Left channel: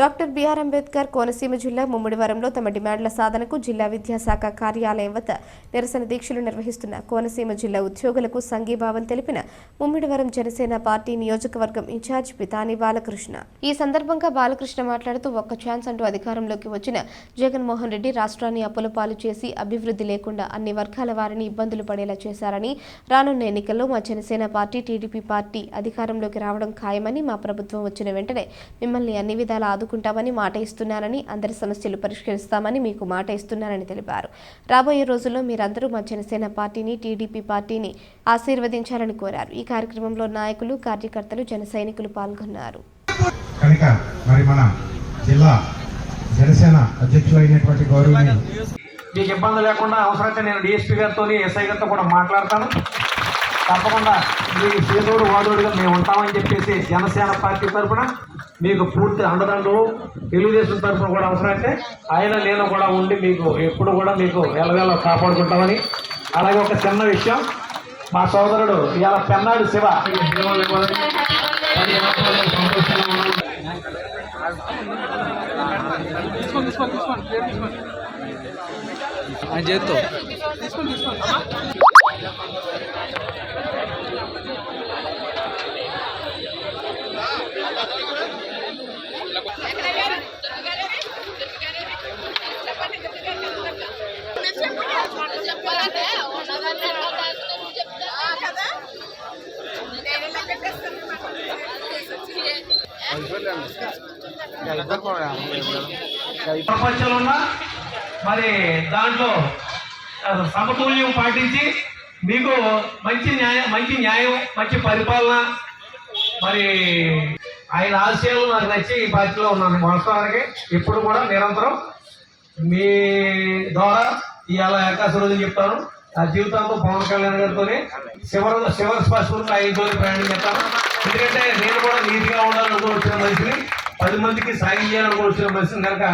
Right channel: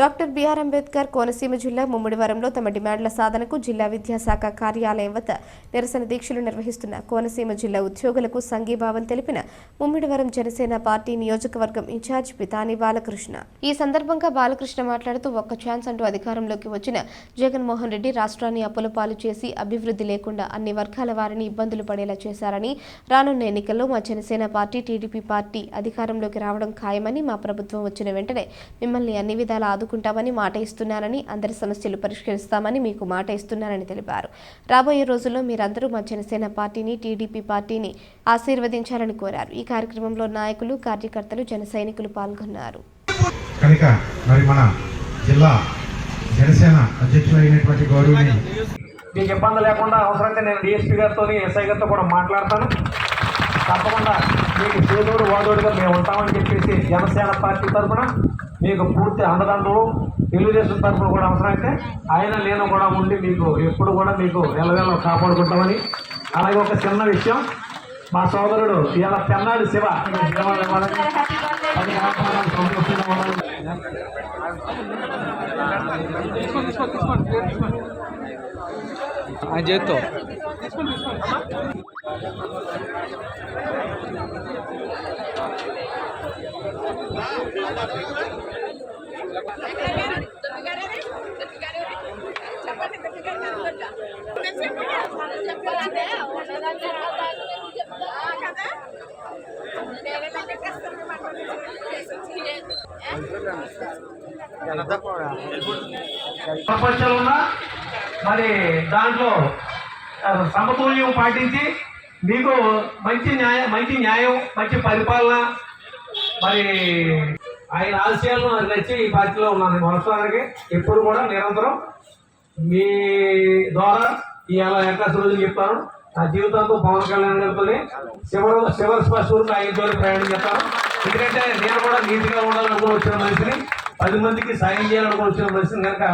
Doctor BR Ambedkar Konaseema జిల్లా ముమ్మిడివరంలో తమ డిమాండ్ల సాధనకు జిల్లా విద్యాశాఖ కార్యాలయం వద్ద నిరసన దీక్షలు నిర్వహిస్తున్న కోనసీమ జిల్లా ఉద్యోగులకు సంఘీభావం తెలిపిన ముమ్మిడివరం జనసేన పార్టీ నియోజకవర్గం ఇన్ఛార్జ్ పితాని బాలకృష్ణ. ఈ సందర్భంగా బాలకృష్ణ మాట్లాడుతూ ఒక్క ఛాన్స్ అంటూ అధికారంలోకి వచ్చిన జగన్మోహన్ రెడ్డి రాష్ట్రాన్ని అప్పులపాలు చేసి అభివృద్ధి లేకుండా అన్ని వర్గాల వారిని ఇబ్బందులు పడేలా చేశారని, రానున్న ఎన్నికల్లో మా జనసేన పార్టీ టీడీపీ పార్టీ అధికారంలోకి రావడం ఖాయమని, మా ప్రభుత్వం వచ్చిన వెంటనే మిమ్మల్ని అన్ని విధాలా ఆదుకుంటామని మాట ఇస్తున్నానని, అందరి సమస్యలు పరిష్కరిస్తామని మీకు మాట ఇస్తున్నానని తెలిపారు. రాబోయే రోజుల్లో మీరందరూ మా జనసేన పార్టీని, టీడీపీ పార్టీని ఆశీర్వదించాలని కోరారు. ఈ కార్యక్రమంలో నాయకులు, కార్యకర్తలు, జన సైనికులు పాల్గొన్నారు. మీకు ఇబ్బంది లేకుండా అవసరమైతే నేను డిఎస్పీ గారితో, ఎస్ఐ గారితో కూడా మాట్లాడతాను. తప్పకుండా మీకు చేదోడు వాదోడుగా మేము ఉంటామని చెప్పేసి జనసేన పార్టీ తరఫున మీకు పూర్తి అండదండలు, తెలుగుదేశం తరఫున కూడా అవసరమైతే ఆయన నేను కూడా ఉండి మీకు ఎప్పుడు కూడా మీకు ఎలవేళ కాపాడుకుంటామని. అలాగే ఒక చిన్న విషయం, మా సోదరుడు ఇవాళ పెన్నాడు శివ ఆయన చేత్తో ప్రపంచంలో ఉన్న మరి దాంట్లో సమతుల్యం పాటించి మీకు మంచి న్యాయం, మంచి పరిపాలన, మరి ఆయన ఆశయాలు నాకు నచ్చి ఈ పార్టీలో ఉన్నాను. వాస్తవానికి ఇప్పుడు కూడా నిరంతరం మీ ద్వారా ఇవాళ ఏకాశ రోజులు చెప్తాను. నా జీవితంతో పవన్ కళ్యాణ్ గారితో శివర్ స్పష్టంగా ఆయనతో ప్రయాణం చేస్తాను. ఎందుకంటే నేను కూడా నీతిగా ఉండాలని వచ్చిన మనిషిని, 10 మందికి సాయం చేయాలని వచ్చిన మనిషిని కనుక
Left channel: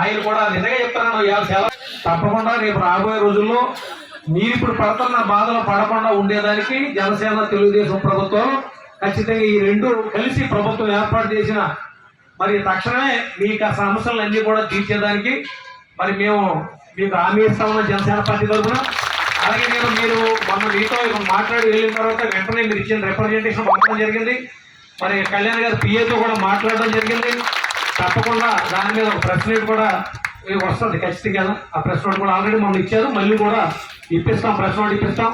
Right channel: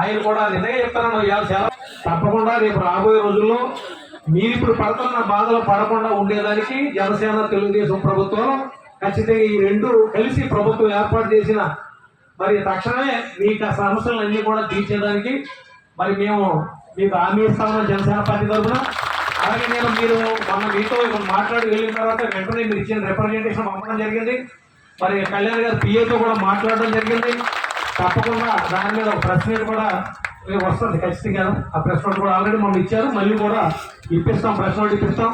ఆయన కూడా నిజంగా చెప్తాను. చాలా తప్పకుండా రేపు రాబోయే రోజుల్లో మీరు ఇప్పుడు పడుతున్న బాధలు పడకుండా ఉండేదానికి జనసేన, తెలుగుదేశం ప్రభుత్వం ఖచ్చితంగా ఈ రెండు కలిసి ప్రభుత్వం ఏర్పాటు చేసిన మరి తక్షణమే మీకు ఆ సమస్యలన్నీ కూడా తీర్చేదానికి మరి మేము మీకు హామీ ఇస్తామని జనసేన పార్టీ తరఫున. అలాగే మీరు మొన్న మీతో మాట్లాడి వెళ్ళిన తర్వాత వెంటనే మీరు ఇచ్చిన రిప్రజెంటేషన్ పంపడం జరిగింది. మరి కళ్యాణ్ గారు పిఏతో కూడా మాట్లాడడం జరిగింది. తప్పకుండా దాని మీద ఒక ప్రెస్ నోట్ కూడా వస్తుంది ఖచ్చితంగా. ఆ ప్రెస్ నోట్ కూడా ఆల్రెడీ మనం ఇచ్చారు, మళ్ళీ కూడా ఇప్పిస్తాం, ప్రెస్ నోట్ ఇప్పిస్తాం.